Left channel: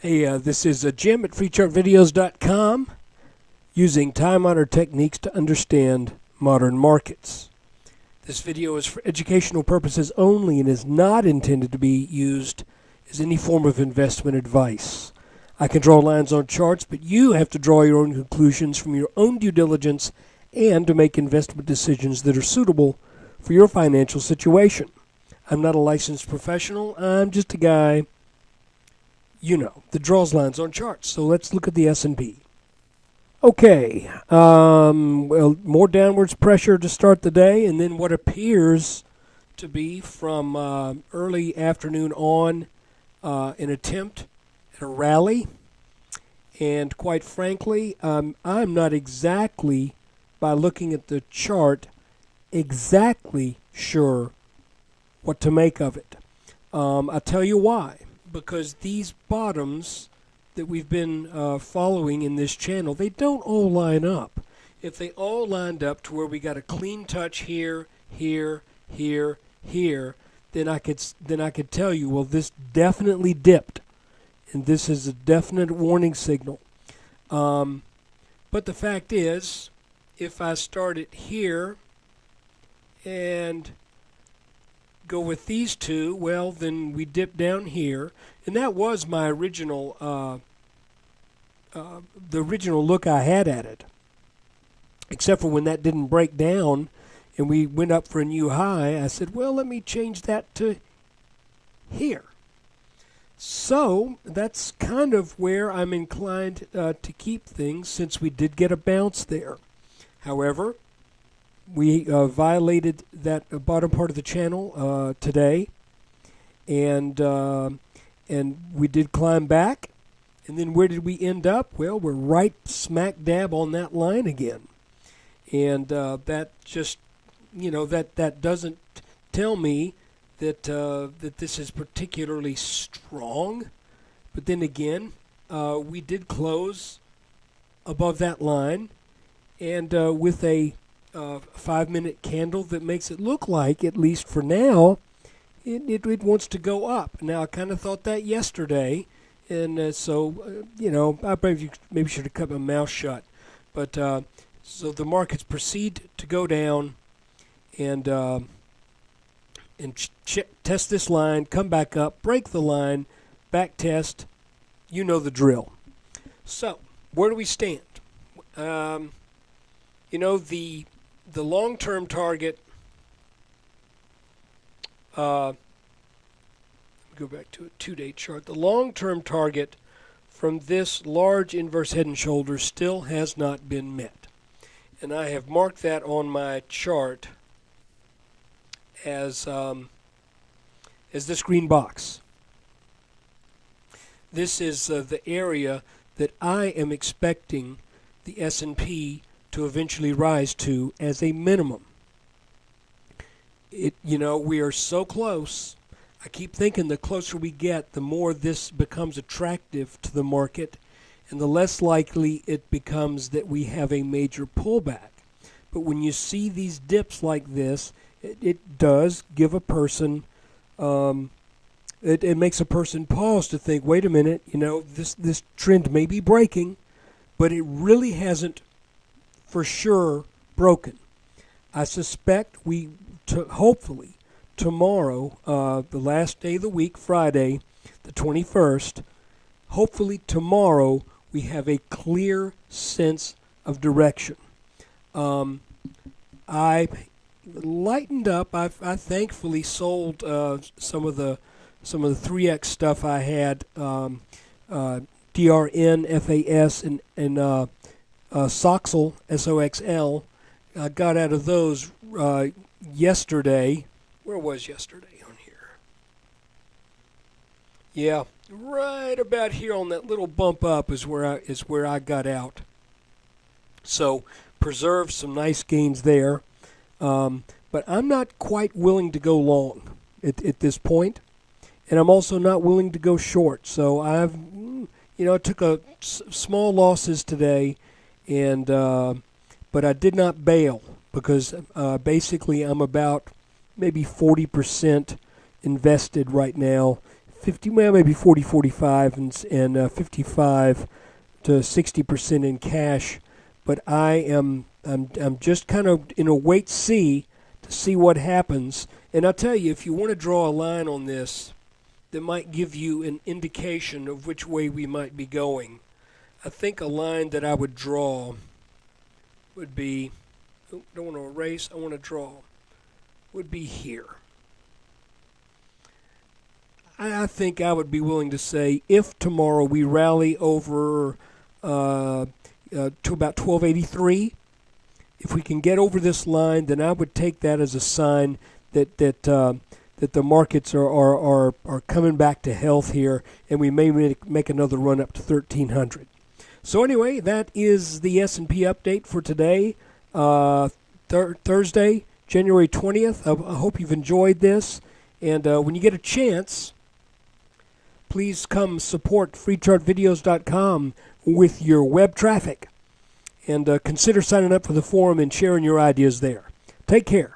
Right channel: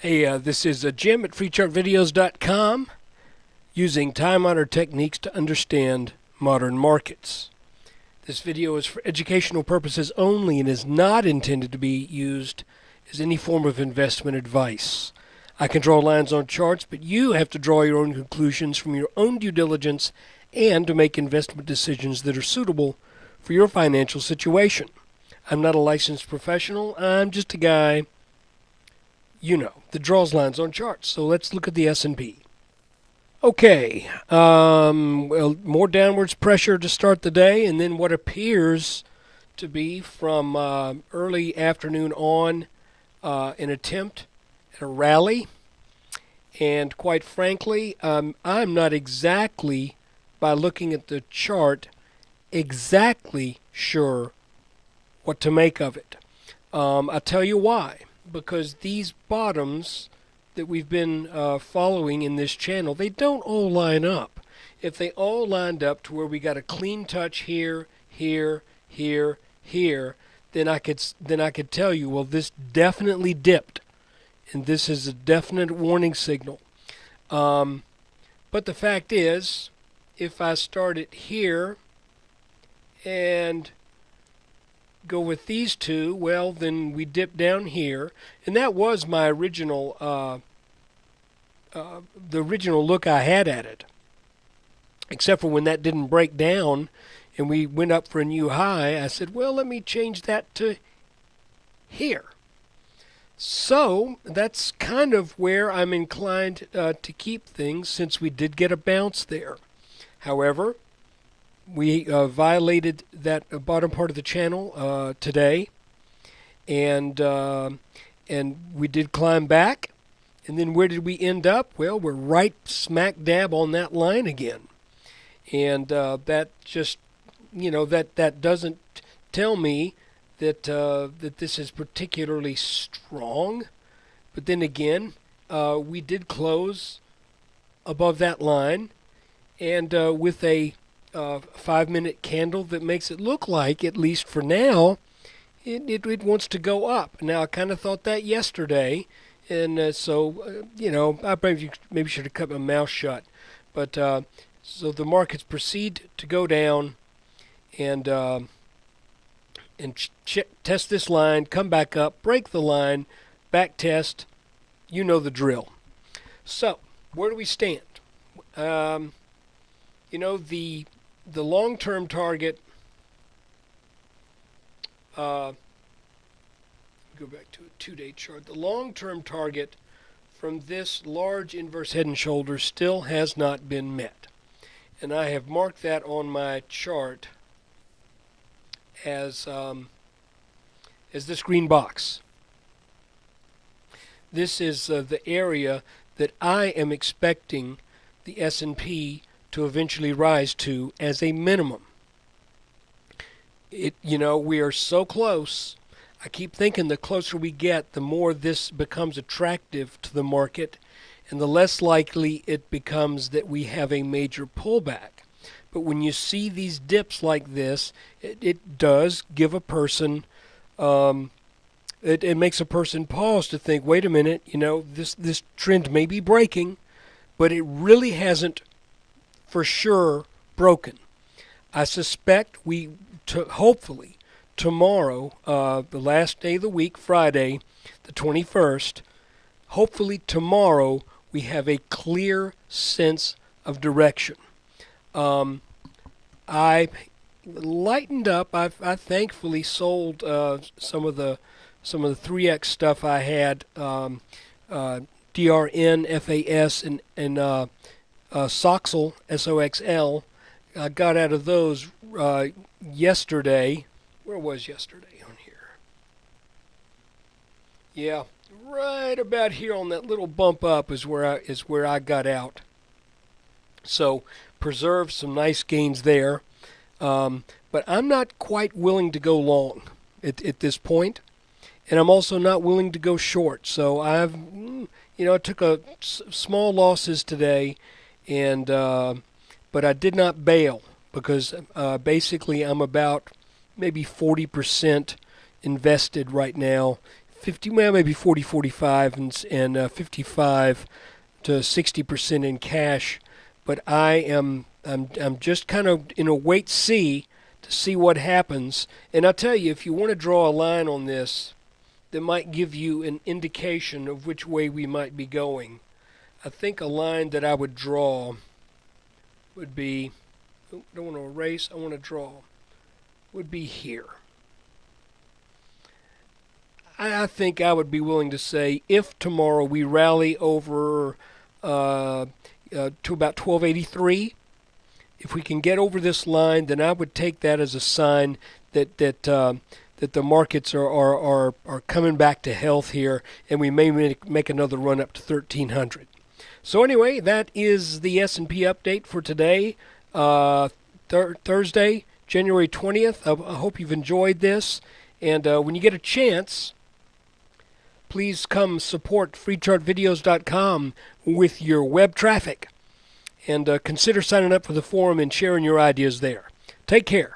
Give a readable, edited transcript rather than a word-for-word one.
Hey, this is Jim at FreeChartVideos.com using time-honored techniques to understand modern markets. This video is for educational purposes only and is not intended to be used as any form of investment advice. I can draw lines on charts, but you have to draw your own conclusions from your own due diligence and to make investment decisions that are suitable for your financial situation. I'm not a licensed professional. I'm just a guy that draws lines on charts. So let's look at the S&P. Okay, well, more downwards pressure to start the day, and then what appears to be from early afternoon on an attempt at a rally. And quite frankly, I'm not exactly, by looking at the chart, exactly sure what to make of it. I'll tell you why. Because these bottoms that we've been following in this channel, they don't all line up. If they all lined up to where we got a clean touch here, here, here, here, then I could tell you, well, this definitely dipped, and this is a definite warning signal. But the fact is, if I start it here and go with these two, well, then we dip down here, and that was my original the original look I had at it, except for when that didn't break down and we went up for a new high. I said, well, let me change that to here. So that's kind of where I'm inclined to keep things, since we did get a bounce there. However, we violated that bottom part of the channel today, and we did climb back. And then where did we end up? Well, we're right smack dab on that line again, and that just, that doesn't tell me that that this is particularly strong. But then again, we did close above that line, and with a 5-minute candle that makes it look like, at least for now, it wants to go up. Now, I kind of thought that yesterday, and so I maybe should have kept my mouth shut. But so the markets proceed to go down, and test this line, come back up, break the line, back test. You know the drill. So where do we stand? The long-term target, go back to a 2-day chart. The long-term target from this large inverse head and shoulders still has not been met. And I have marked that on my chart as this green box. This is the area that I am expecting the S&P to eventually rise to as a minimum. We are so close. I keep thinking the closer we get, the more this becomes attractive to the market, and the less likely it becomes that we have a major pullback. But when you see these dips like this, it does give a person, it makes a person pause to think, wait a minute, this trend may be breaking, but it really hasn't for sure broken. I suspect hopefully tomorrow, the last day of the week, Friday, the 21st, hopefully tomorrow we have a clear sense of direction. I lightened up. I thankfully sold some of the 3x stuff I had, DRN, FAS, and Soxl, SOXL. I got out of those yesterday. Where was yesterday on here? Yeah, right about here on that little bump up is where I got out. So preserved some nice gains there, but I'm not quite willing to go long at this point, and I'm also not willing to go short. So I took small losses today, and but I did not bail, because basically I'm about maybe 40% invested right now, 50, well, maybe 40, 45, and 55 to 60% in cash. But I'm just kind of in a wait see to see what happens. And I'll tell you, if you want to draw a line on this that might give you an indication of which way we might be going, I think a line that I would draw would be, oh, don't want to erase, I want to draw, would be here. I think I would be willing to say if tomorrow we rally over to about 1283, if we can get over this line, then I would take that as a sign that the markets are coming back to health here, and we may make another run up to 1300. So anyway, that is the S&P update for today, Thursday, January 20th. I hope you've enjoyed this, and when you get a chance, please come support freechartvideos.com with your web traffic, and consider signing up for the forum and sharing your ideas there. Take care.